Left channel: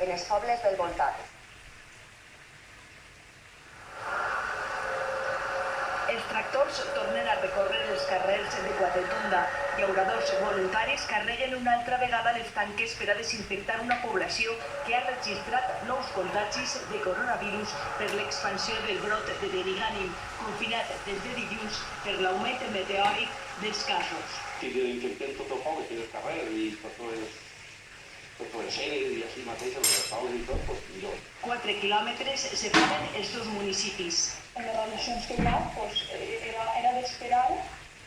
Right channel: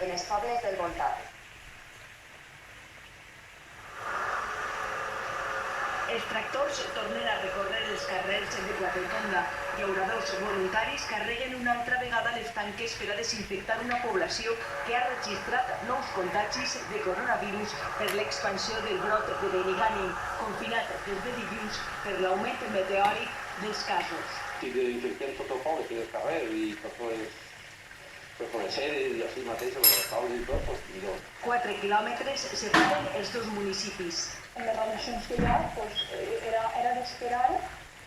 en els pobles del voltant. Els tractors tornen a recórrer els carrers de Quatretonda. Llauradors voluntaris carreguen una altra vegada les tanques per a desinfectar una població que ha registrat nous contagis de coronavirus per l'expansió del brot de Benigànim, confinat des de dilluns per l'augment meteòric dels casos. Si desinfectem tot el poble que és el carrer i per les seres i així mateix, amb les taules i tot, doncs millor. 4 quilòmetres separen els dos municipis. En les relacions que hi ha, era d'esperar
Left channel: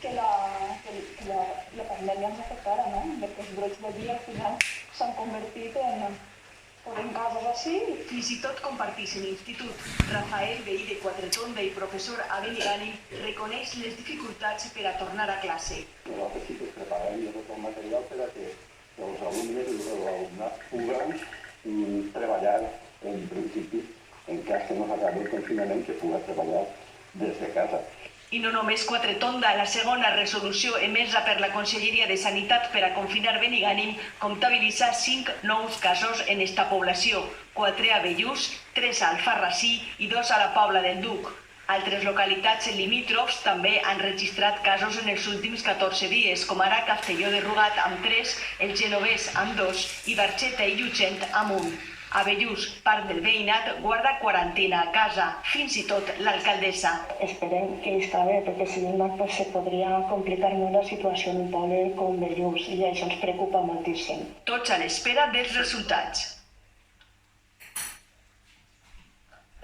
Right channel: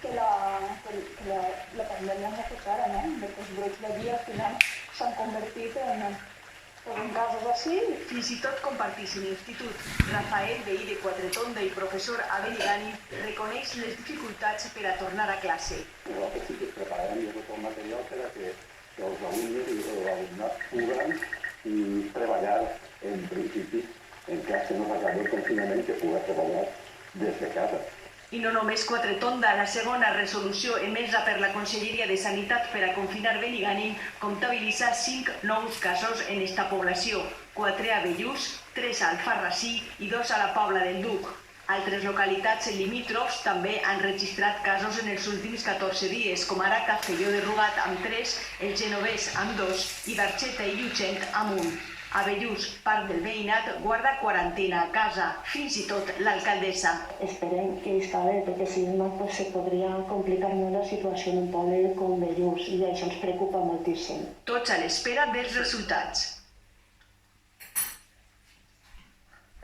que la pandèmia ens afectara, no? Perquè els brots d'allí al final s'han convertit en casos així. Fins i tot comparteixen institut. Rafael, veí de Quatretonda i professor a Benigànim, reconeix les dificultats per a tornar a classe. Nosaltres sí que preparem ja tot el material per a que els alumnes i l'alumnat puguen treballar en principi, en cas que no s'acabi el confinament, que pugui treballar des de casa. I no només Quatretonda, la segona resolució emesa per la Conselleria de Sanitat per a confinar Benigànim comptabilitza 5 nous casos en esta població, 4 a Bellús, 3 a Alfarrasí i 2 a la Pobla del Duc. Altres localitats limítrofs també han registrat casos en els últims 14 dies, com ara Castelló de Rugat amb 3, el Genovès amb 2 i Barxeta i Llutxent amb 1. A Bellús, part del veïnat guarda quarantena a casa, fins i tot l'alcaldessa. Esperem que està bé, perquè si no se podria complicar molt la situació en un poble com Bellús i això ens preocupa moltíssim. Tots a l'espera dels resultats.